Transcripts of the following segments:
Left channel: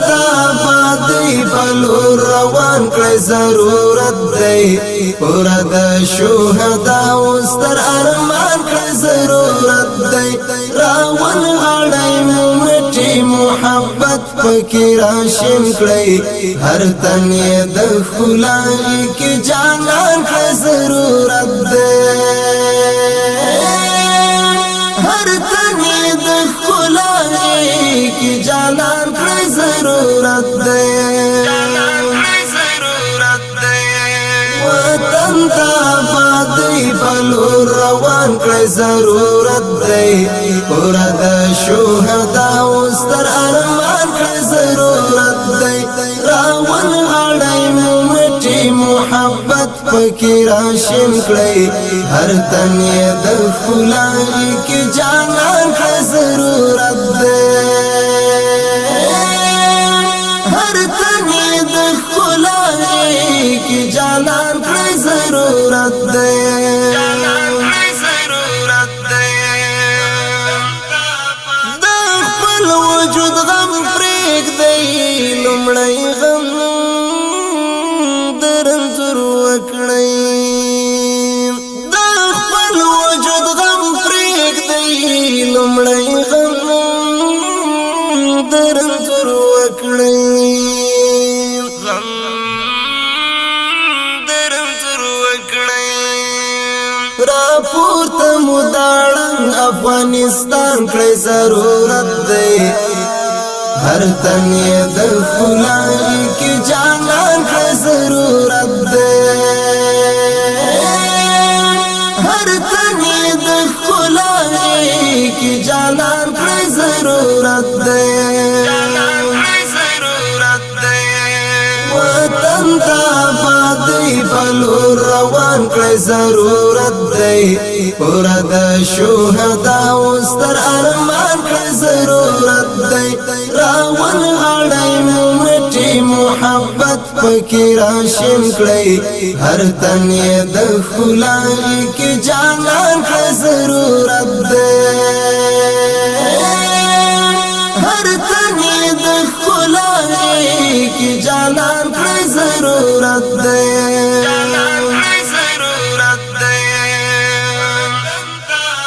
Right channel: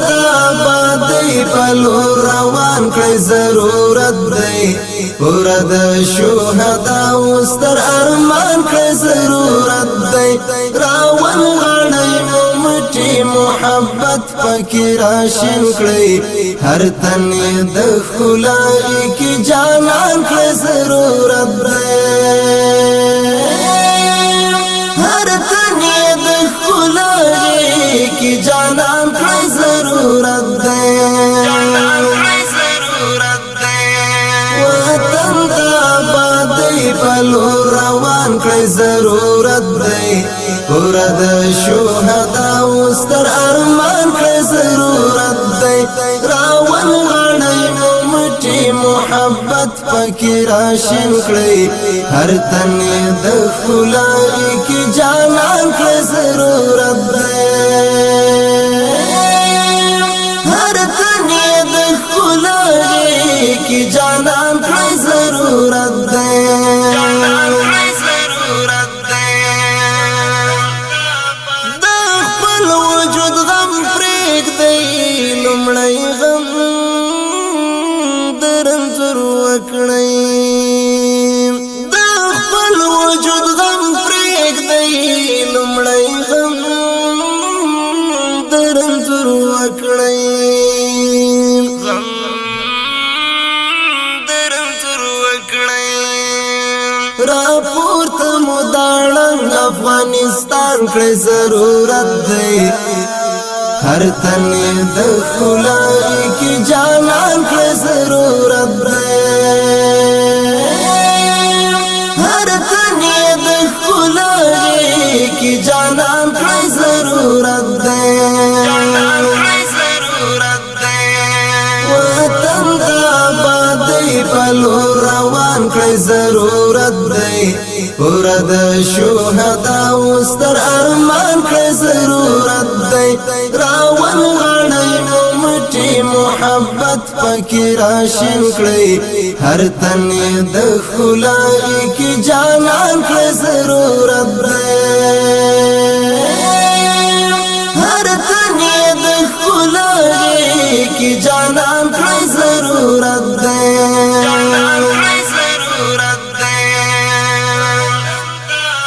تا بادی بلو روان کړی ضرورت دی ورد شهدا وستر ارمان کړی ضرورت دی راون غړی ممټي محبت پکې راشن کړی هر تن د خلای کی جانان کړی ضرورت دی هر تن د خلای کی جانان کړی ضرورت دی وطن تا بادی بلو روان کړی ضرورت دی ورد شهدا وستر ارمان کړی ضرورت دی راون غړی ممټي محبت پکې راشن کړی هر تن د خلای کی جانان کړی ضرورت دی هر تن د خلای کی جانان کړی ضرورت دی د خپل وجود غم پرېږدی لومړی غم درنځور وکړئ د خپل وجود غم پرېږدی لومړی غم درنځور وکړئ راپورته مو داړنګ افغانستان کړی ضرورت دی هر تن د خلای کی جانان کړی ضرورت دی هر تن د خلای کی جانان کړی ضرورت دی وطن تا بادی بلو روان کړی ضرورت دی ورد شهدا وستر ارمان کړی ضرورت دی راون غړی ممټي محبت پکې راشن کړی هر تن د خلای کی جانان کړی ضرورت دی هر تن د خلای کی جانان کړی ضرورت دی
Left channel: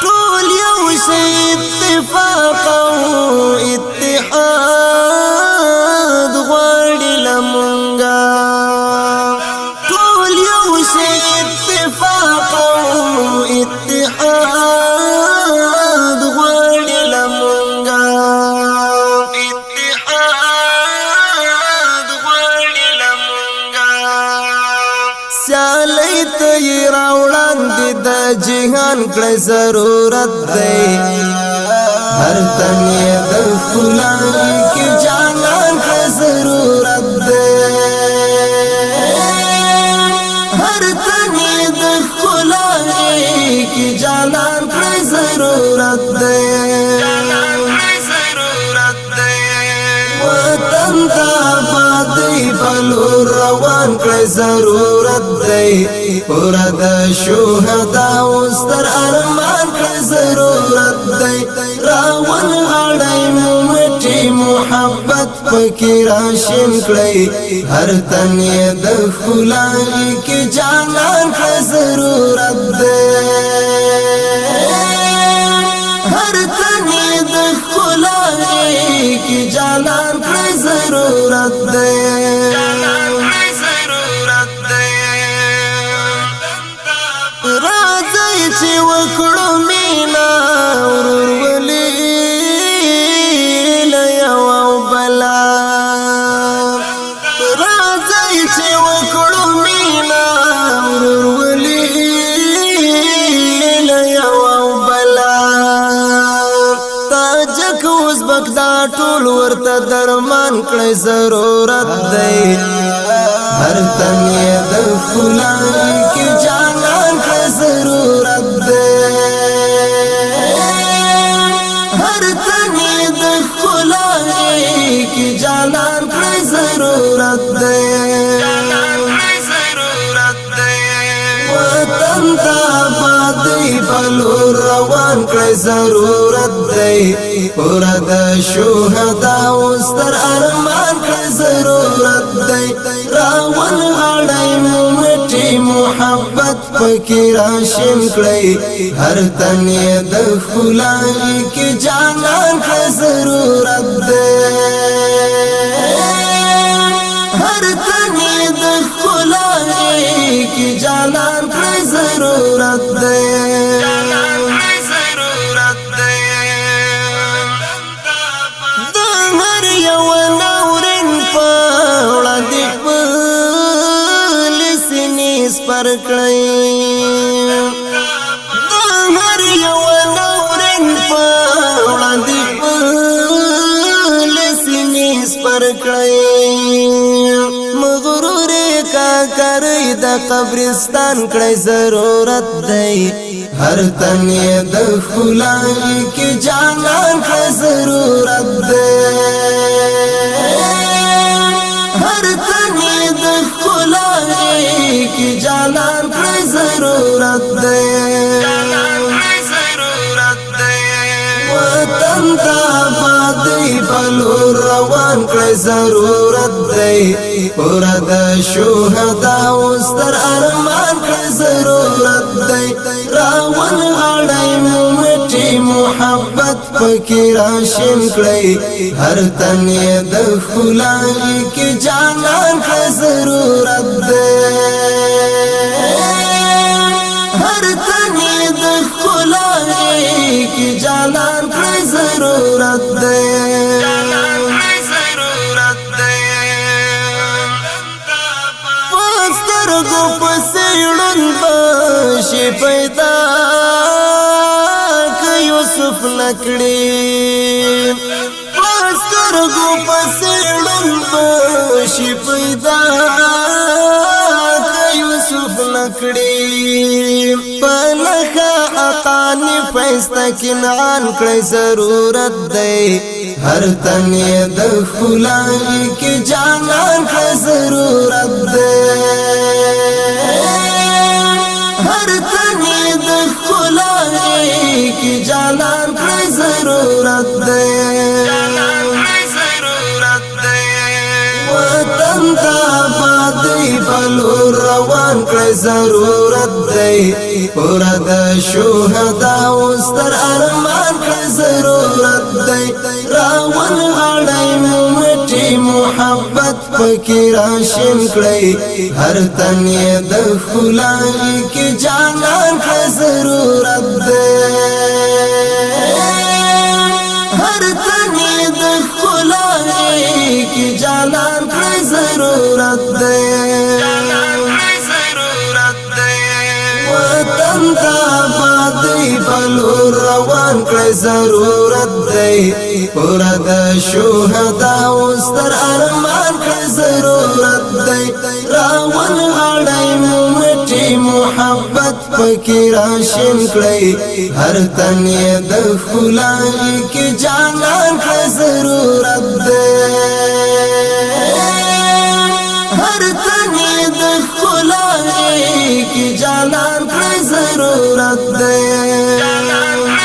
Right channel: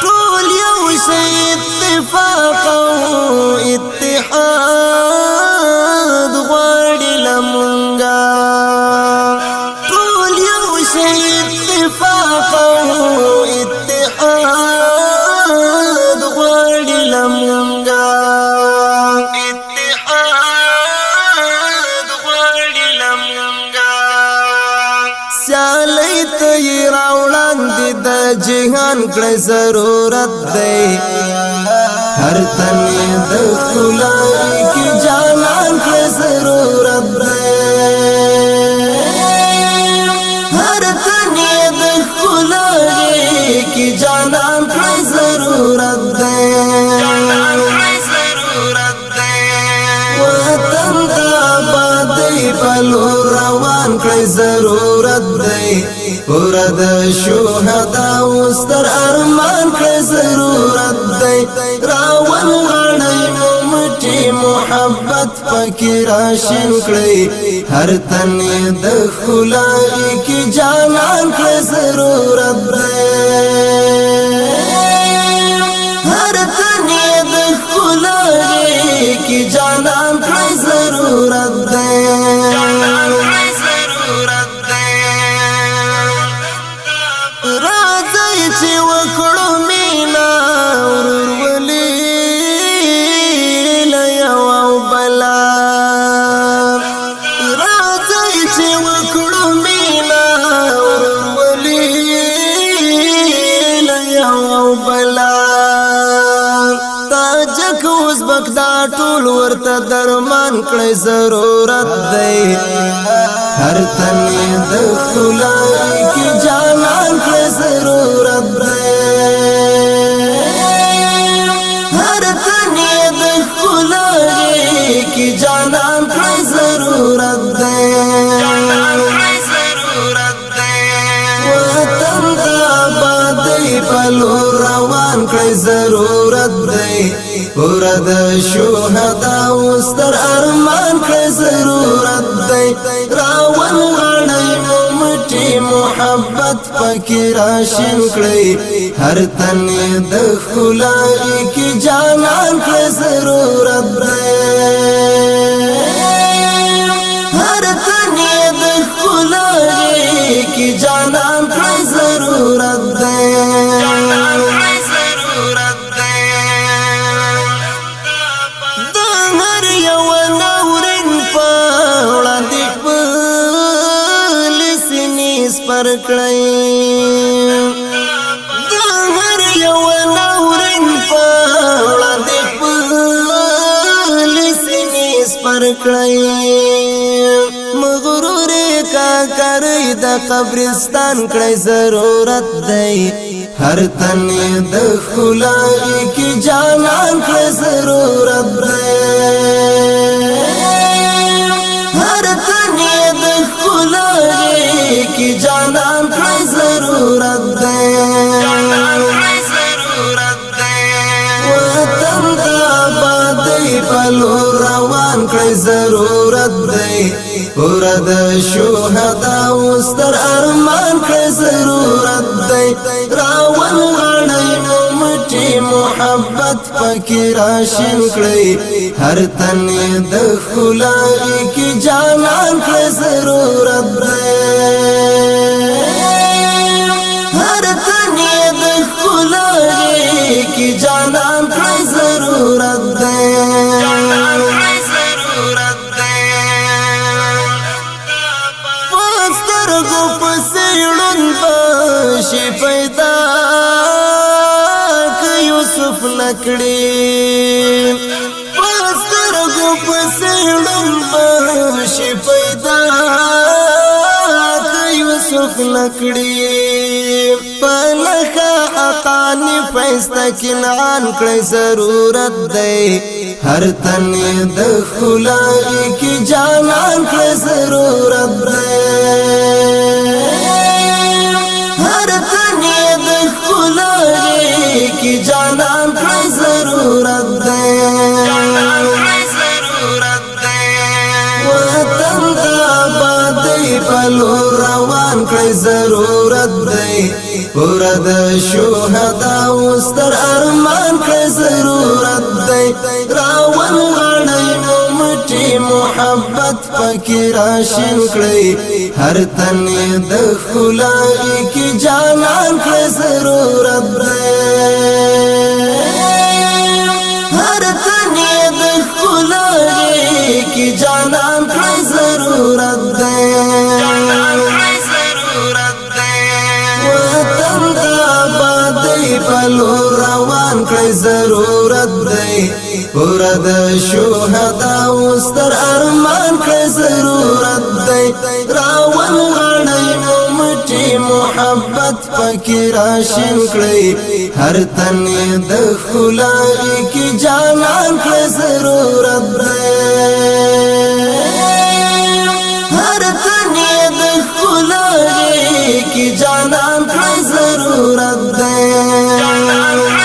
ټول یو شی اتفاق او اتحاد غواړي لمونږه ټول یو شی اتفاق او اتحاد غواړي لمونږه سیالی تی راوړاندې د جهان کړی ضرورت دی هر تن د خلای کی جانان کړی ضرورت دی هر تن د خلای کی جانان کړی ضرورت دی وطن تا بادی بلو روان کړی ضرورت دی ورد شهدا وستر ارمان کړی ضرورت دی راون غړی ممټي محبت پکې راشن کړی هر تن د خلای کی جانان کړی ضرورت دی هر تن د خلای کی جانان کړی ضرورت دی راځئ چې وکړو مینا ورورولي له یو او بلا راځئ چې وکړو مینا ورورولي له یو او بلا تاجک ازبک دا ټول ورته درمان کړی ضرورت دی هر تن د خلای کی جانان کړی ضرورت دی هر تن د خلای کی جانان کړی ضرورت دی وطن تا بادی بلو روان کړی ضرورت دی ورد شهدا وستر ارمان دی راون غړی مو مټي محبت پکې راشین کړی هر تن د خلای کی جانان کړ ضرورت دی هر تن د خلای کی جانان کړ ضرورت دی پر کړی د هر یو نورن په وړاندې خپل سینې پر کړی مغرور کا کرې د قبرستان کړی ضرورت دی هر تن د خلای کی جانان کړی ضرورت دی هر تن د خلای کی جانان کړی ضرورت دی وطن ته آبادۍ بلو روان کړی ضرورت دی اور د شهداو ستر ارمان کړی ضرورت دی راون غړی مو مټي محبت پکې راشین کړی هر تن د خلای کی جانان کړی ضرورت دی هر تن د خلای کی جانان کړی ضرورت دی سترګو پسې ړوند بشي پیدا که یوسف نکړي سترګو پسې ړوند بشي پیدا که یوسف نکړي پلخه حقانی فیسته کنعان کړی ضرورت دی هر تن د خلای کی جانان کړی ضرورت دی هر تن د خلای کی جانان کړی ضرورت دی وطن ته آبادۍ بلو روان کړی ضرورت دی اور د شهداو ستر ارمان کړی ضرورت دی راون غړی مو مټي محبت پکې راشین کړی هر تن د خلای کی جانان کړی ضرورت دی هر تن د خلای کی جانان کړی ضرورت دی وطن ته آبادۍ بلو روان کړی ضرورت دی اور د شهداو ستر ارمان کړی ضرورت دی راون غړی مو مټي محبت پکې راشین کړی هر تن د خلای کی جانان کړی ضرورت دی هر تن د خلای کی جانان کړی ضرورت دی وطن ته آبادۍ بلو روان کړی ضرورت دی اور د شهداو ستر ارمان کړی ضرورت دی راون غړی مو مټي محبت پکې راشین کړی هر تن د خلای کی جانان کړی ضرورت دی هر تن د خلای کی جانان کړی ضرورت دی